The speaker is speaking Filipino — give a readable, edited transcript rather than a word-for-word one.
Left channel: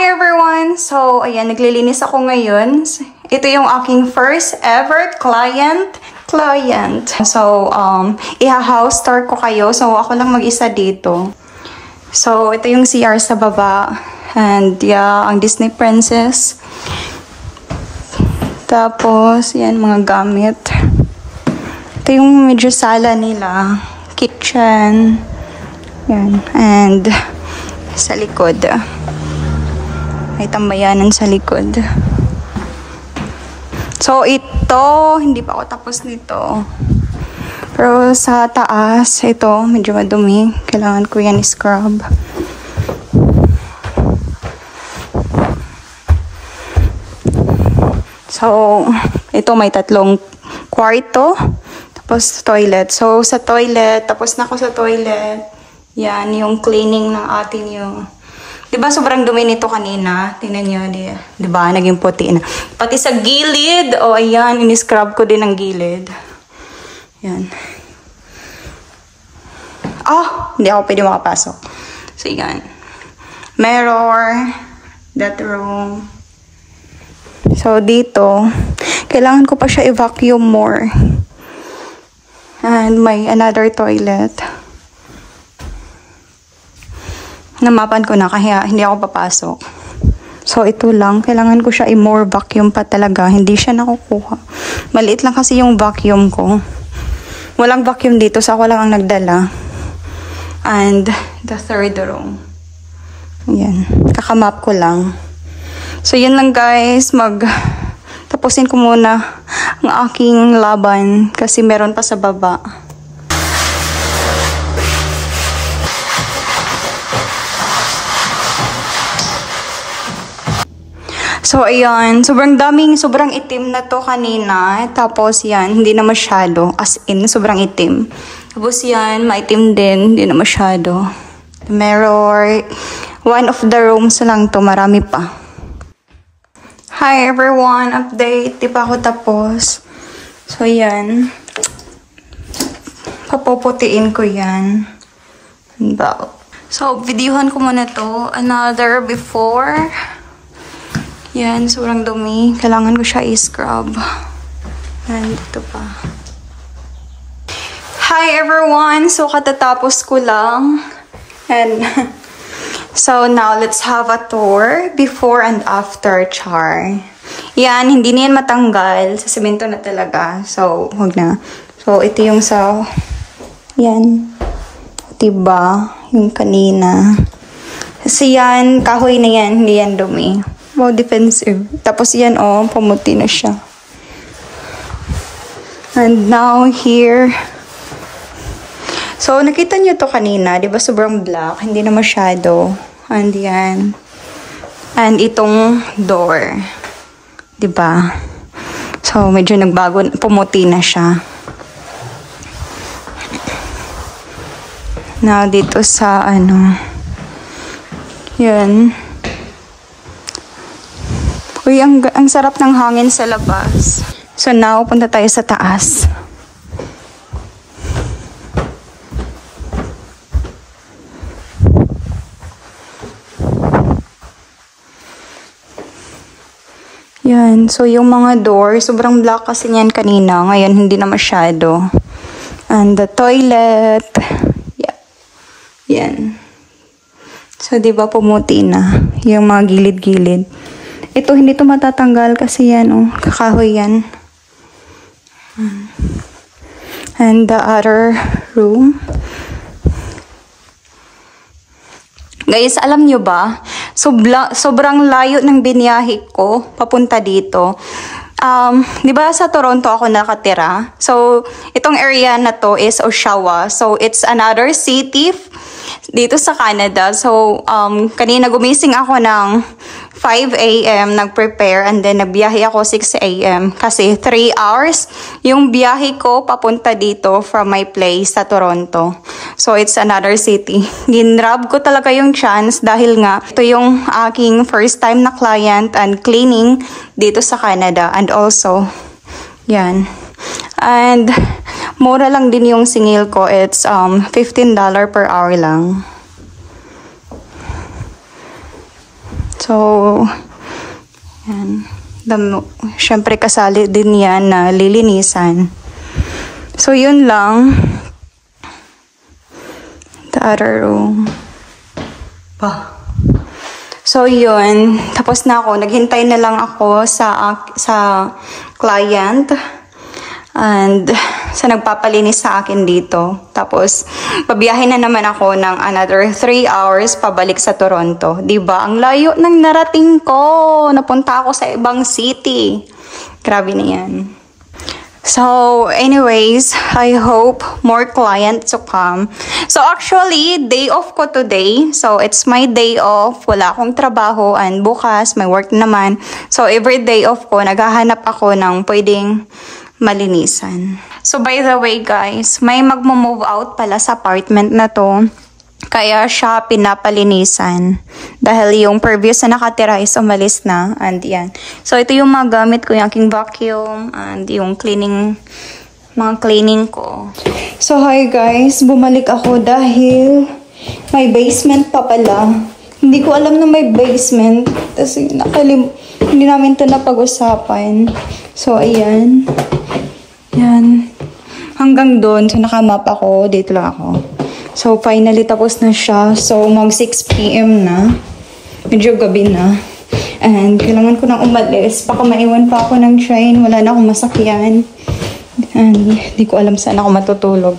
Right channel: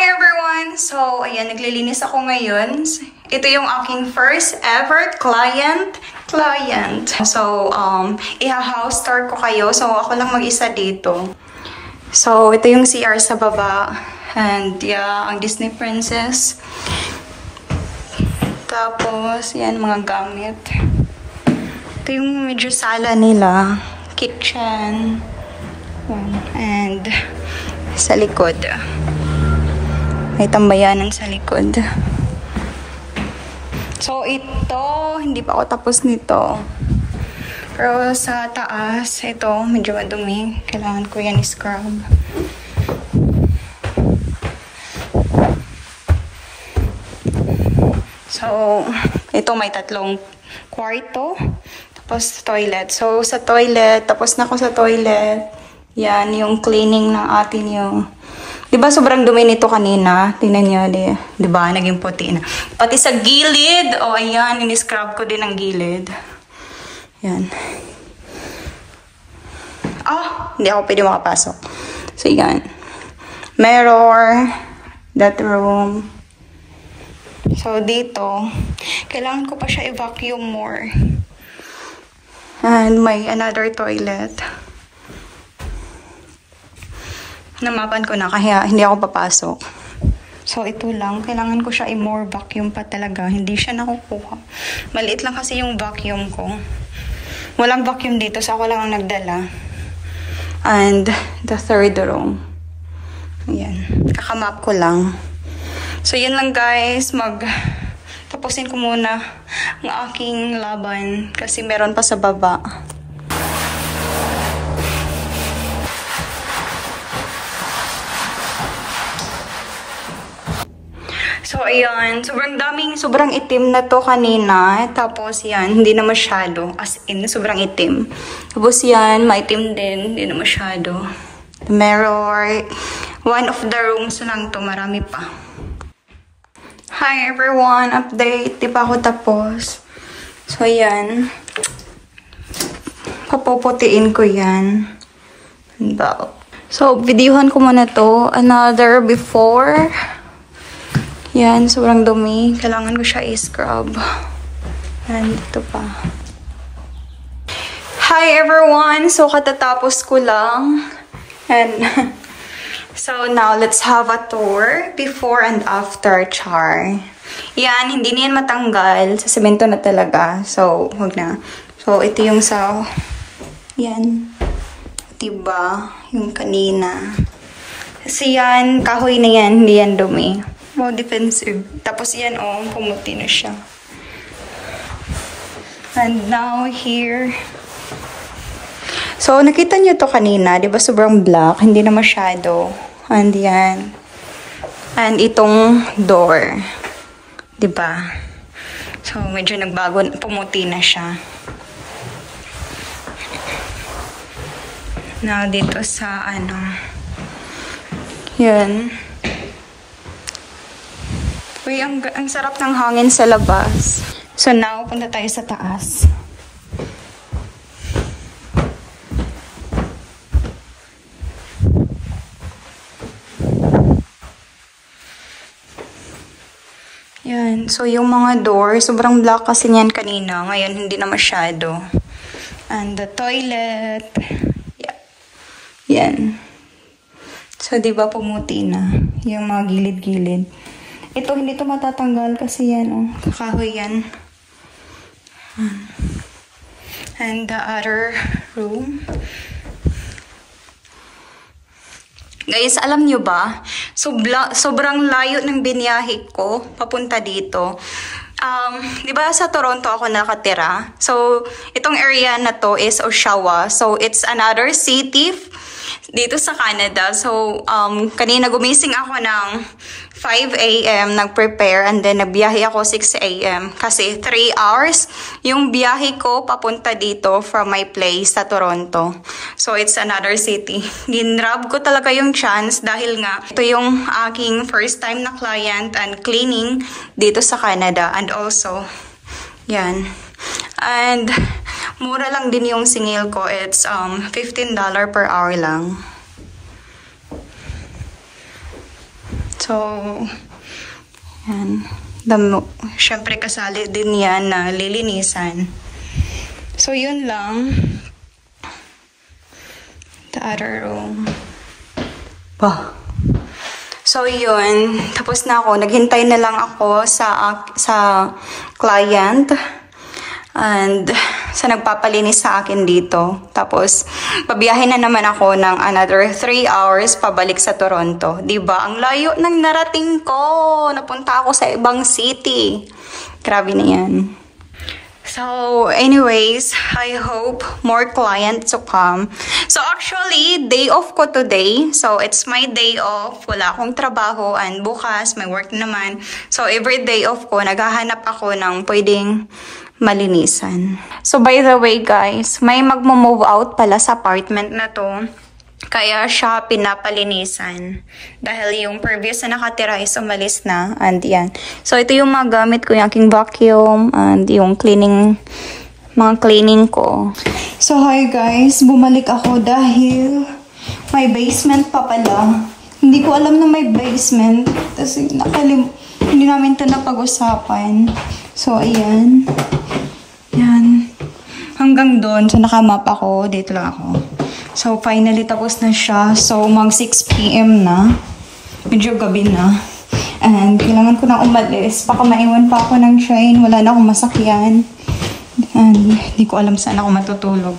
Hi everyone! So, ayan, naglilinis ako ngayon. Ito yung aking first ever client. So, iha-house tour ko kayo. So, ako lang mag-isa dito. So, ito yung CR sa baba. And, yeah, ang Disney Princess. Tapos, yan, mga gamit. Ito yung medyo sala nila. Kitchen. Yan. And, sa likod. May tambayanan sa likod. So, ito, hindi pa ako tapos nito. Pero sa taas, ito, medyo madumi. Kailangan ko yan i-scrub. So, ito may 3 kwarto. Tapos, toilet. So, sa toilet, tapos na ako sa toilet. Yan, yung cleaning ng atin yung... Diba sobrang dumi nito kanina? Tingnan nyo, diba? Naging puti na. Pati sa gilid. O, ayan. In-scrub ko din ang gilid. Yan. Oh, hindi ako pwede makapasok. So, yan. Mirror. That room. So, dito. Kailangan ko pa siya i-vacuum more. And may another toilet. Namapan ko na kaya hindi ako papasok. So, ito lang. Kailangan ko siya i-more vacuum pa talaga. Hindi siya nakukuha. Maliit lang kasi yung vacuum ko. Walang vacuum dito. So, ako lang ang nagdala. And, the third room. Ayan. Kakamap ko lang. So, yan lang guys. Tapusin ko muna ang aking laban. Kasi meron pa sa baba. So, ayan. Sobrang itim na to kanina. Tapos, yan. Hindi na masyado. As in, sobrang itim. Tapos, yan. Maitim din. Hindi na masyado. Mirror. One of the rooms lang to. Marami pa. Hi, everyone. Update. Di pa ako tapos. So, yan. Papuputiin ko yan. So, videohan ko muna to. Another before. Yan, sobrang dumi. Kailangan ko siya i-scrub. And ito pa. Hi everyone! So, katatapos ko lang. And, so now, let's have a tour. Before and after char. Yan, hindi na yan matanggal. Sa semento na talaga. So, huwag na. So, ito yung sa... Yan. Diba? Yung kanina. Kasi yan, kahoy na yan. Hindi yan dumi. Wow, defensive. Tapos yan, oh, pumuti na siya. And now, here. So, nakita nyo to kanina. Diba sobrang black? Hindi na masyado. And yan. And itong door. Diba? So, medyo nagbago. Pumuti na siya. Now, dito sa, yan. Uy, ang sarap ng hangin sa labas. So now, punta tayo sa taas. Yan. So, yung mga door, sobrang black kasi yan kanina. Ngayon, hindi na masyado. And the toilet. Yeah. Yan. So, diba pumuti na. Yung mga gilid-gilid. Ito, hindi ito matatanggal kasi yan, oh. Kakahoy yan. And the other room. Guys, alam nyo ba? Sobrang layo ng biniyahe ko papunta dito. Di ba sa Toronto ako nakatira? So, itong area na to is Oshawa. So, it's another city dito sa Canada. So, kanina gumising ako ng 5 a.m. nag-prepare and then nagbiyahe ako 6 a.m. kasi 3 hours yung biyahe ko papunta dito from my place sa Toronto. So, it's another city. Ginrab ko talaga yung chance dahil nga ito yung aking first time na client and cleaning dito sa Canada. And also, yan. And, mura lang din yung singil ko. It's $15 per hour lang. So, yan. Siyempre kasali din yan na lilinisan. So, yun lang. The other room. Bah. So, yun. Tapos na ako. Naghintay na lang ako sa client. And sa nagpapalinis sa akin dito. Tapos, pabiyahin na naman ako ng another 3 hours pabalik sa Toronto. Diba? Ang layo ng narating ko. Napunta ako sa ibang city. Grabe na yan. So, anyways, I hope more clients to come. So, actually, day off ko today. So, it's my day off. Wala akong trabaho. And bukas, may work naman. So, every day off ko, naghahanap ako ng pwedeng malinisan. So, by the way, guys, may magmo-move out pala sa apartment na to. Kaya siya pinapalinisan. Dahil yung previous na nakatira is umalis na. And yan. So, ito yung mga gamit ko. Yung aking vacuum. And yung cleaning. Mga cleaning ko. So, hi guys. Bumalik ako dahil may basement pa pala. Hindi ko alam na may basement. Kasi hindi namin ito napag-usapan. So, ayan. Yan. Hanggang doon. So, nakamap ako. Dito lang ako. So, finally, tapos na siya. So, mag 6 PM na. Medyo gabi na. And, kailangan ko nang umalis. Baka maiwan pa ako ng train. Wala na akong masakyan. And, di ko alam saan ako matutulog.